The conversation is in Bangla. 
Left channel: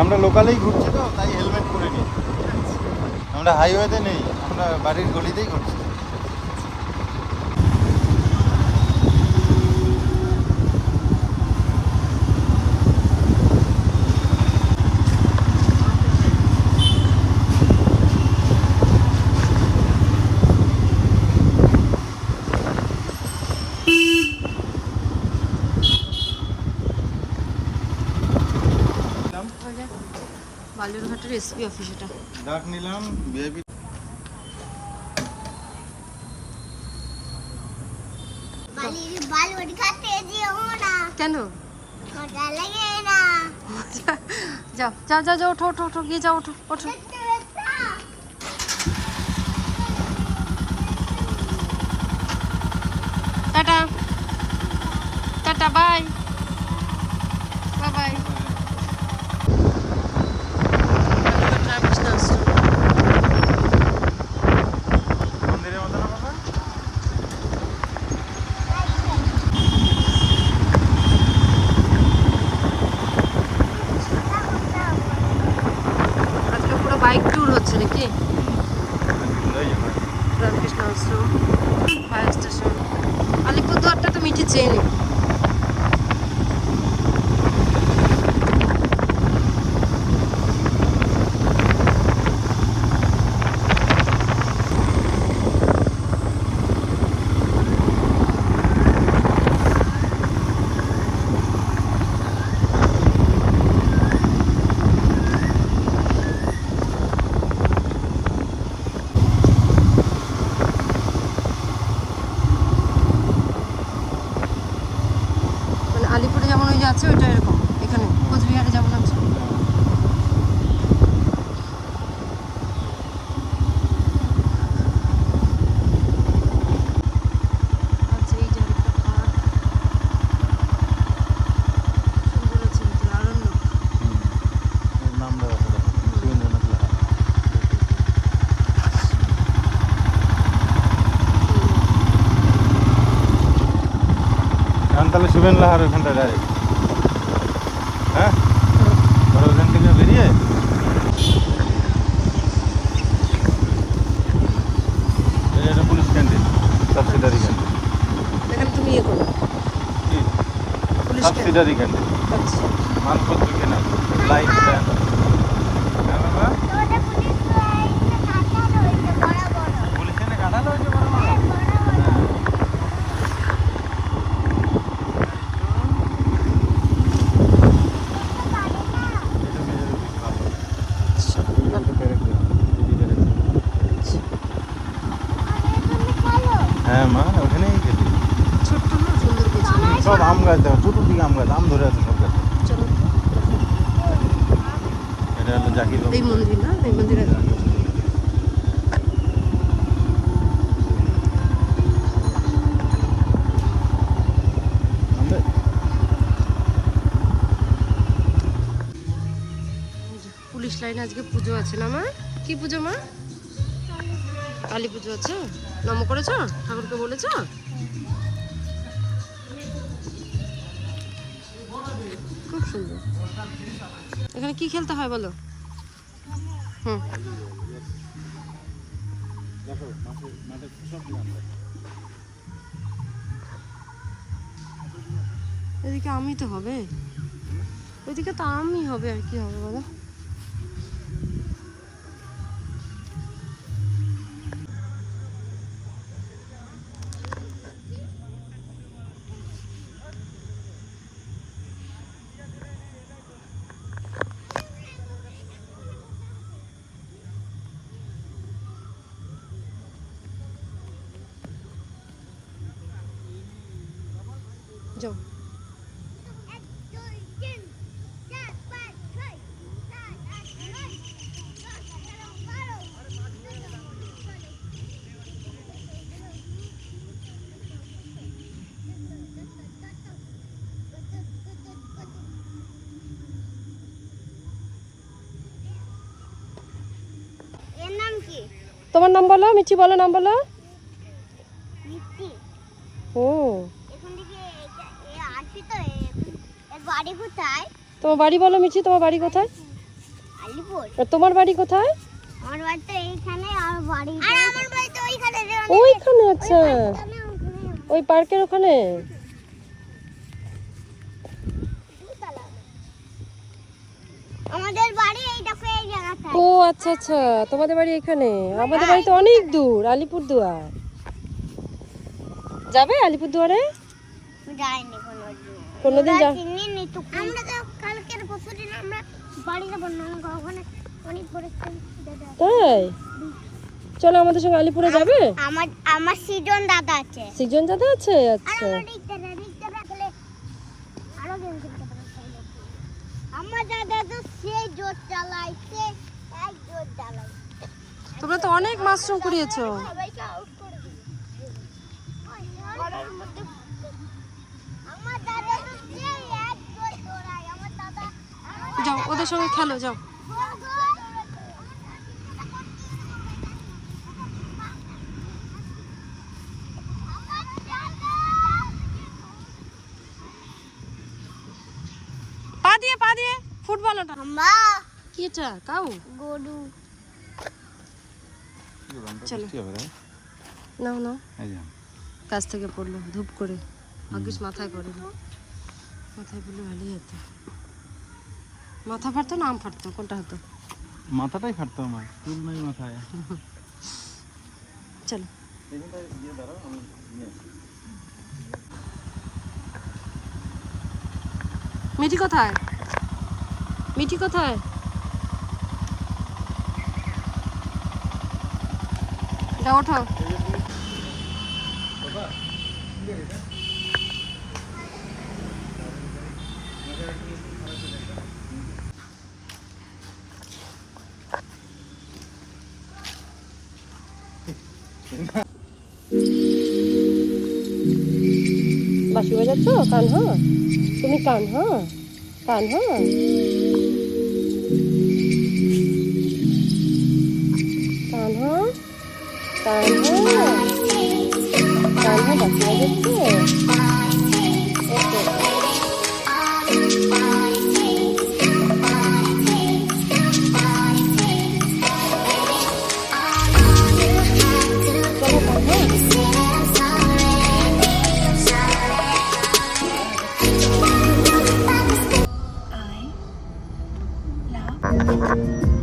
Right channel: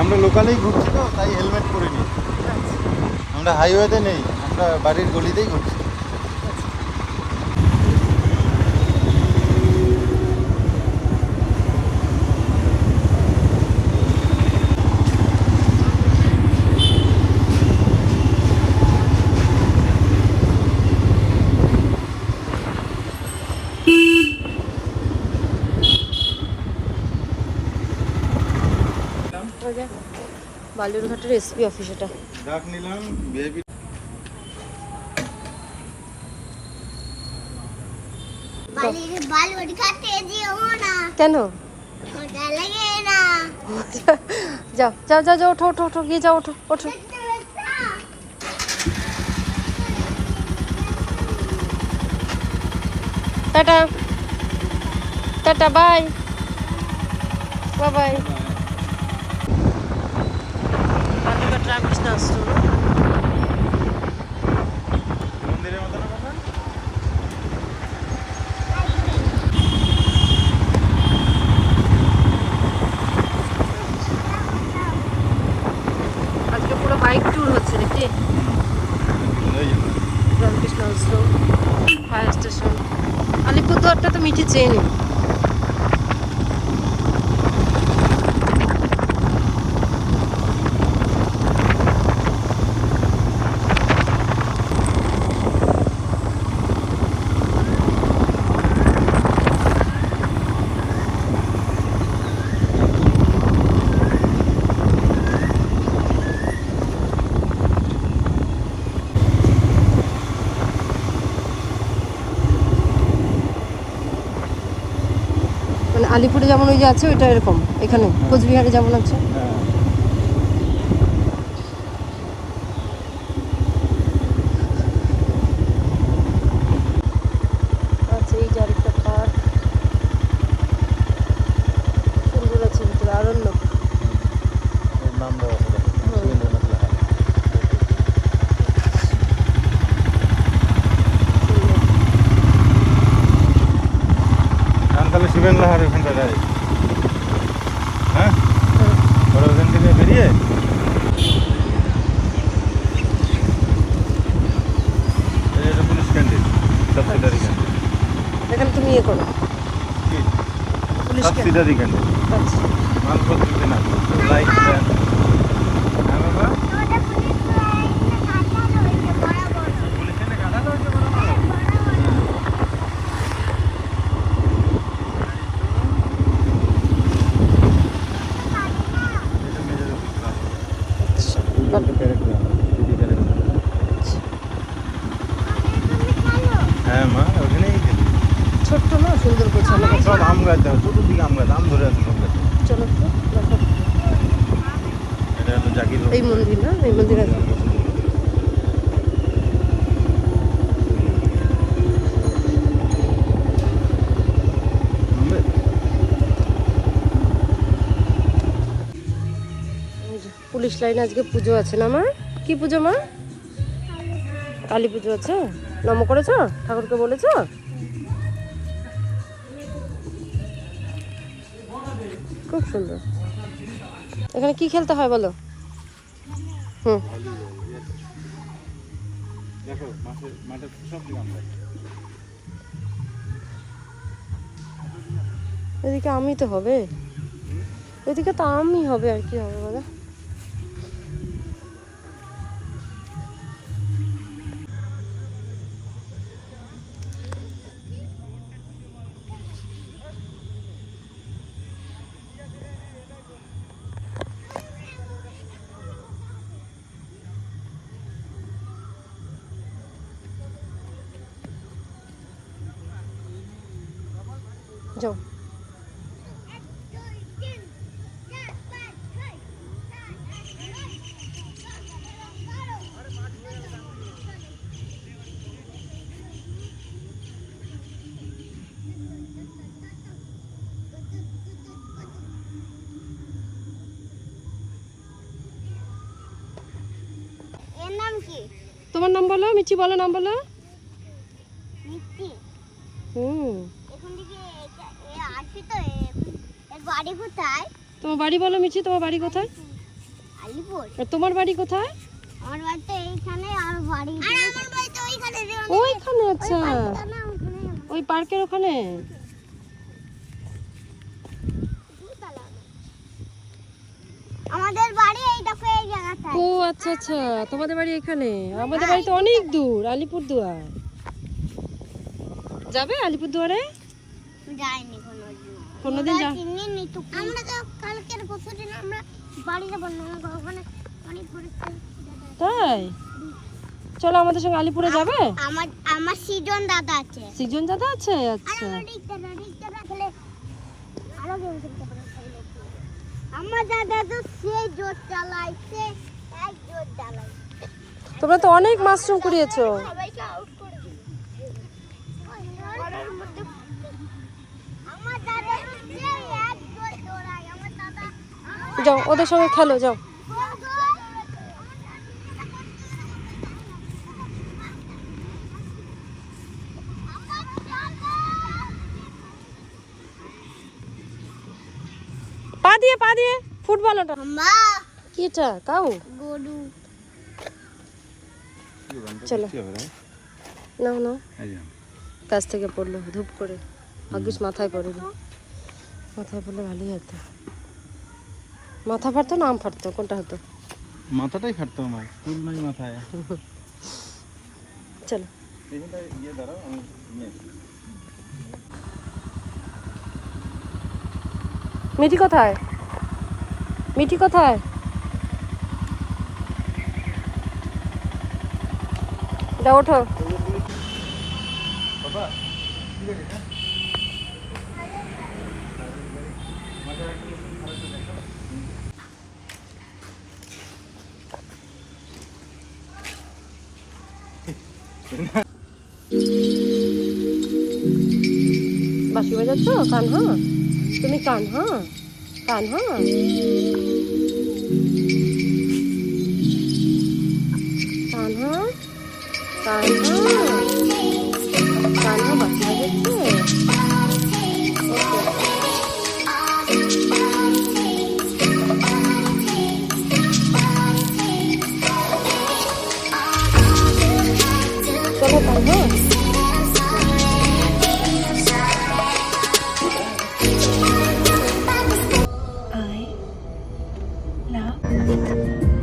আমরা লোকালেই ঘুরছি তো, তাই হেলমেট পরে নিই। আমরা হাইওয়েতে নেই, আমরা বাড়ির গলিতেই ঘুরছি। বালুরঘাটের এসপি অফিস এটা। ডাক নিলাম বেবি। কেন? যাও যাও যাও যাও, ওঠো ওঠো ওঠো, গিয়ে যাও, ওঠো ওঠো। Tata tata, bye bye bye. আজকে পুরো বাইক ট্যুর হচ্ছে নাকি? রামকৃষ্ণ আশ্রম, ফায়ার স্টেশন, আলিপুরদুয়ারটা তো মিঠে চেয়ে নেই। আলিপুরে যেমন ওই যে আছে ওইটা এরকম, এখানে কোচবিহারে যেমন আছে। আচ্ছা, এই যে আরেকটা পার্ক, সুন্দর আছে ভিতরে, আরণ্যক। নাম দেওয়া আছে, সুরেন্দ্রনাথ লাহা। আমতলা সুরেন লাহার ওখানটা গাড়ি। হ্যাঁ, ওখান থেকে বেরিয়ে এটা পুলিশ ক্যান্টিন, সাবসিডারি ক্যান্টিন। এখানে তুমি ইয়ে করো, কি পুলিশ সাবসিডারি ক্যান্টিন? আচ্ছা, মানপত্র কেনা লাইট। হ্যাঁ মা, ওখানেই গেলি। ছোট্ট না, সুন্দর গোছানো। সব আম গাছ দেখো, চতুর্দিকে আম গাছ, আম ধরে আছে সব গাছে। চলো তো, দেখো। এটা হলো জাকির এই মন্দির না, এই মন্দিরে পুলিশ লাইনে আজকে পুজো আছে না মা? কি পুজো মা? কালী পুজো আছে। নম করেছ, ঠাকুরকে বলেছ? খুব সুন্দর। এখানে কি খেলতে হয় বলো? হুম, দেখো মাঠে সব আম গাছ। এদিকে আমই তো হবে, ওইদিকে তো আমই হবে, আর কি হবে বলো? যাও। এর নাম কি? তোমার নাম বলো, মিঠি বলো, নাম বলো। মিষ্টি। হুম, এখন থেকে আসি তো, এর বাড়ি কোথায়? তোমার বাড়ি বলো মিঠি, তোমার বাড়ি কোথায়? আলিপুর। আর তোমার বাড়ি কোথায়? আমার বাড়ি তো এইখানে, আর বাড়ি আমার বাড়ি তো ওইখানে। ওইখানে? আচ্ছা, ওই পার্কের ওখানে। আমাদের বাড়ি এই দেখো এই জায়গাটা। ও আচ্ছা আচ্ছা, তোমাদের বাড়ি এখানে। আমাদের বাড়ি তো অনেক দূর, আলিপুরদুয়ার। যাবে আলিপুরদুয়ারে? যাইনি কোনোদিন যা। চিনিনি তো। আমরা তো কালকের পরশুদিন আমরা বাড়ি যাব না, ওখানে অনেক বড় একটা। তাই চলো আমাদের সঙ্গে আলিপুরে যাবে। আমার আমার সিজন দাদা আছে। সিজন দাদা আছে? আচ্ছা, আমার দাদা তো সে জোর চালাইছে, এক জোর চালাই। তোমরা তো অনেক মাশরুম কুড়িয়েছো। আমার দাদা তো সে এক জোর দৌড়ায়। আমার দাদা যাও ওদের সঙ্গে খেলো, যাও। পা দিয়ে ফুটবল। ওটা মা কি? এটা কাউ? গরু। চলো নাও নাও। কাছ থেকে পড়লো ধূপ করে, ভাগ্যিস মাথায় পড়েনি। মাথায় পড়লে ভালোই হতো। মাথা ফাটতো না আম ফাটতো, কোনটা হতো? মাথাটাই ফাটতো আমার, চুল নাই মাথায়। চলো। মিঠি কোথায়? মিঠি কোথায়? যাও ওঠো। বাঁশি বাজাচ্ছ? কান হ্যাঁ, তুমি কান হ্যাঁ, কান হ্যাঁ। কান হ্যাঁ, কান হ্যাঁ, কান হ্যাঁ, বাঁশি বাজাচ্ছে। ওকে। I love